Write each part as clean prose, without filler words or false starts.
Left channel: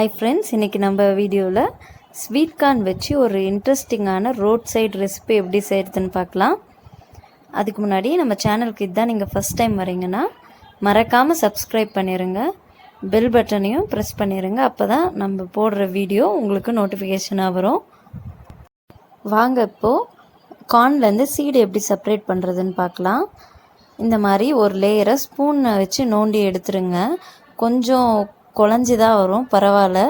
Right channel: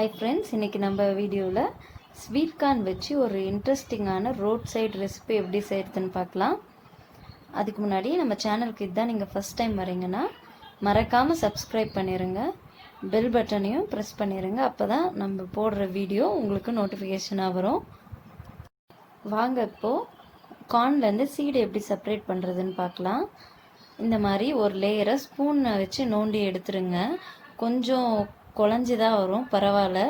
Hi friends, இன்றைக்கி நம்ம வீடியோவில் ஸ்வீட் கார்ன் வச்சு ஒரு இன்ட்ரெஸ்டிங்கான ரோட் சைடு ரெசிபி எப்படி செய்கிறதுன்னு பார்க்கலாம். அதுக்கு முன்னாடி நம்ம சேனலுக்கு இதுதான் நீங்கள் ஃபஸ்ட் டைம் வரீங்கன்னா மறக்காமல் சப்ஸ்கிரைப் பண்ணிடுங்க, பெல் பட்டனையும் ப்ரெஸ் பண்ணிடுங்க. அப்போ தான் நம்ம போடுற வீடியோ உங்களுக்கு நோட்டிஃபிகேஷனாக வரும். வாங்க இப்போது கார்ன்லேருந்து சீடு எப்படி செப்பரேட் பண்ணுறதுன்னு பார்க்கலாம். இந்த மாதிரி ஒரு லேயரை ஸ்பூனை வச்சு நோண்டி எடுத்துருங்க. கொஞ்சம் குழஞ்சி தான் வரும், பரவாயில்ல.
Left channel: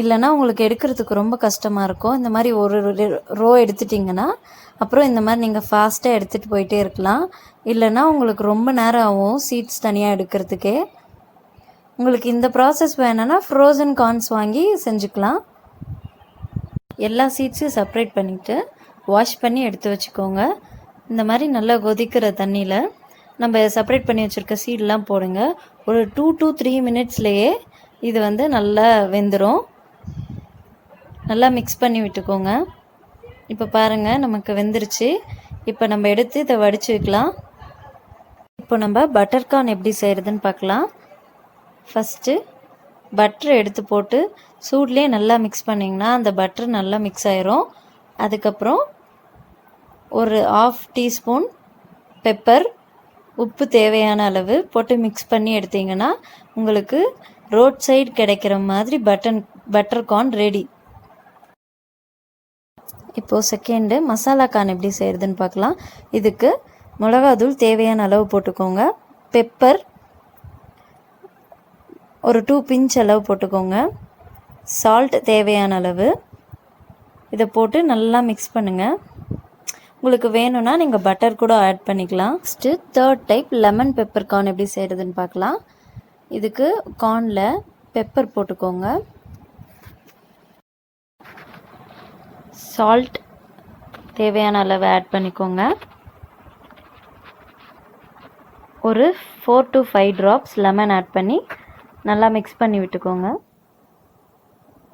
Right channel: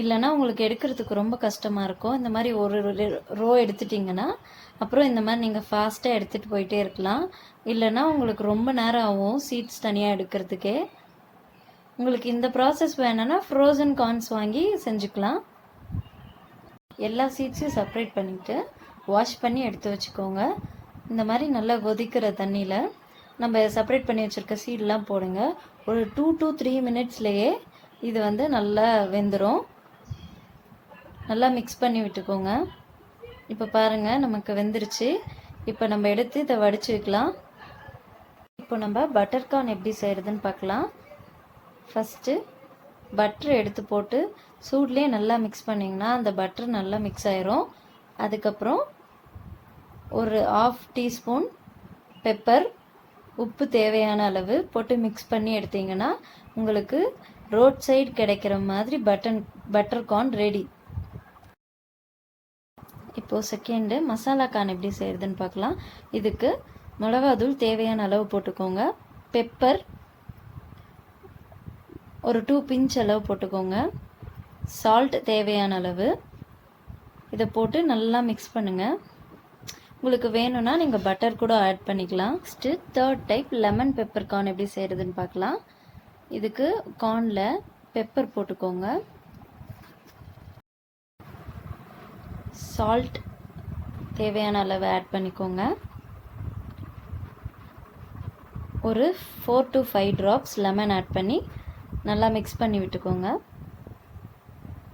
இல்லைனா உங்களுக்கு எடுக்கிறதுக்கு ரொம்ப கஷ்டமாக இருக்கும். இந்த மாதிரி ஒரு ரோ எடுத்துட்டிங்கன்னா அப்புறம் இந்த மாதிரி நீங்கள் ஃபாஸ்ட்டாக எடுத்துகிட்டு போயிட்டே இருக்கலாம். இல்லைனா உங்களுக்கு ரொம்ப நேரம் ஆகும் சீட்ஸ் தனியாக எடுக்கிறதுக்கே. உங்களுக்கு இந்த ப்ராசஸ் வேணும்னா ஃப்ரோசன் கார்ன்ஸ் வாங்கி செஞ்சுக்கலாம். எல்லா சீட்ஸையும் செப்பரேட் பண்ணிவிட்டு வாஷ் பண்ணி எடுத்து வச்சுக்கோங்க. இந்த மாதிரி நல்லா கொதிக்கிற தண்ணியில் நம்ம செப்பரேட் பண்ணி வச்சுருக்க சீடெலாம் போடுங்க. ஒரு 2 to 3 மினிட்ஸ்லேயே இது நல்லா வெந்துடும். நல்லா மிக்ஸ் பண்ணி விட்டுக்கோங்க. இப்போ பாருங்கள், நமக்கு வெந்துருச்சு. இப்போ நம்ம எடுத்து இதை வடித்து வைக்கலாம். இப்போ நம்ம பட்டர் கார்ன் எப்படி செய்கிறதுன்னு பார்க்கலாம். ஃபஸ்ட்டு பட்டரை எடுத்து போட்டு சூட்லேயே நல்லா மிக்ஸ் பண்ணிங்கன்னா அந்த பட்டர் நல்லா மிக்ஸ் ஆயிரும். அதுக்கப்புறம் ஒரு 1/2 டீஸ்பூன் பெப்பர், உப்பு தேவையான அளவு போட்டு மிக்ஸ் பண்ணி எடுத்திங்கன்னா உங்களுக்கு ரோட் சைடு கிடைக்கிற மாதிரி பட்டர் கார்ன் ரெடி. இப்போது செகண்டு மசாலா கார்ன் எப்படி செய்கிறதுன்னு பார்க்கலாம். இதுக்கு மிளகாத்தூள் தேவையான அளவு போட்டுக்கோங்க. பெப்பர் ஒரு 2 பிஞ்ச் அளவு போட்டுக்கோங்க. சால்ட் தேவையான அளவு. இதை போட்டு நல்லா மிக்ஸ் பண்ணுங்கள். உங்களுக்கு வேணும்னா நீங்கள் பட்டர் கூட ஆட் பண்ணிக்கலாம். Next third type lemon pepper corn எப்படி செய்கிறதுன்னு பார்க்கலாம். இதுக்கு கார்னில் பெப்பர் போட்டுக்கோங்க. சால்ட் தேவையான அளவு ஆட் பண்ணிக்கோங்க. ஒரு 4 to 5 ட்ராப்ஸ் லெமன் ஆட் பண்ணி நல்லா மிக்ஸ் பண்ணி விட்டுக்கோங்க.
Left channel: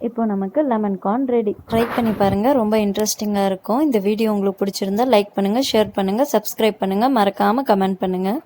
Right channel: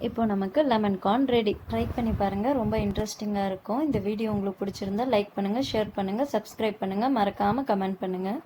இப்போ நமக்கு லெமன் கார்ன் ரெடி. ட்ரை பண்ணி பாருங்கள், ரொம்ப இன்ட்ரெஸ்டிங்காக இருக்கும். இந்த வீடியோ உங்களுக்கு பிடிச்சிருந்தா லைக் பண்ணுங்கள், ஷேர் பண்ணுங்கள், சப்ஸ்கிரைப் பண்ணுங்கள், மறக்காமல் கமெண்ட் பண்ணுங்கள்.